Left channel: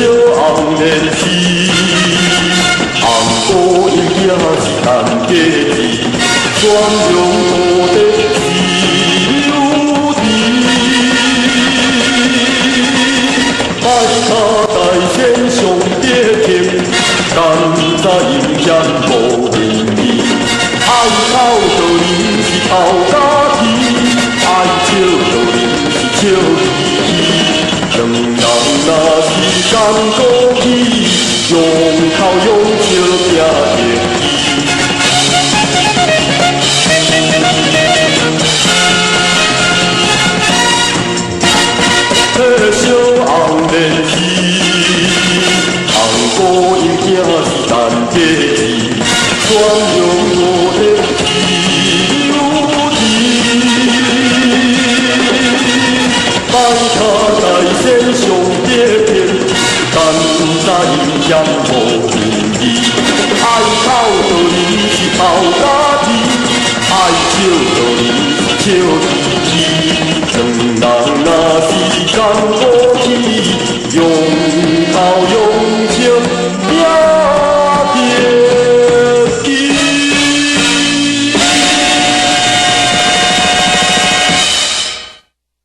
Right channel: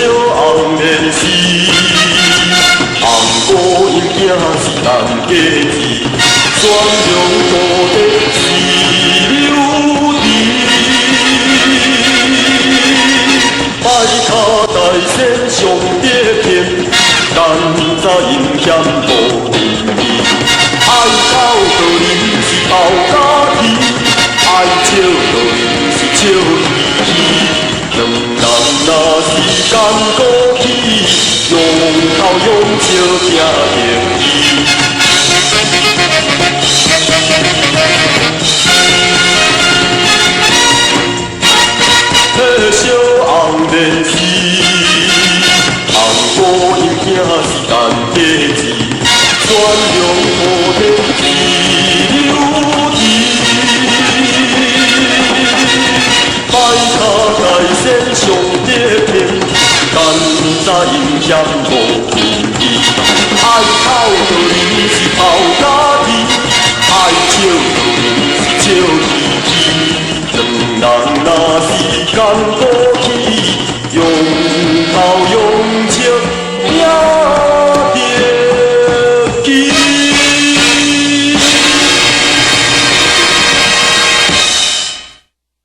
小红莲是，红姑因囝是陈家子，全龙土地是柳枝。摆脚大仙上得天，甘早阴险无仁义。爱口道人是头家己，爱笑道人是笑嘻嘻。两人若是甘过去，用口用笑拼得意。迄小红莲是，红姑因囝是陈家子，全龙土地是柳枝。摆脚大仙上得天，甘早阴险无仁义。爱口道人是头家己，爱笑道人是笑嘻嘻。两人若是甘过去，用头用笑拼。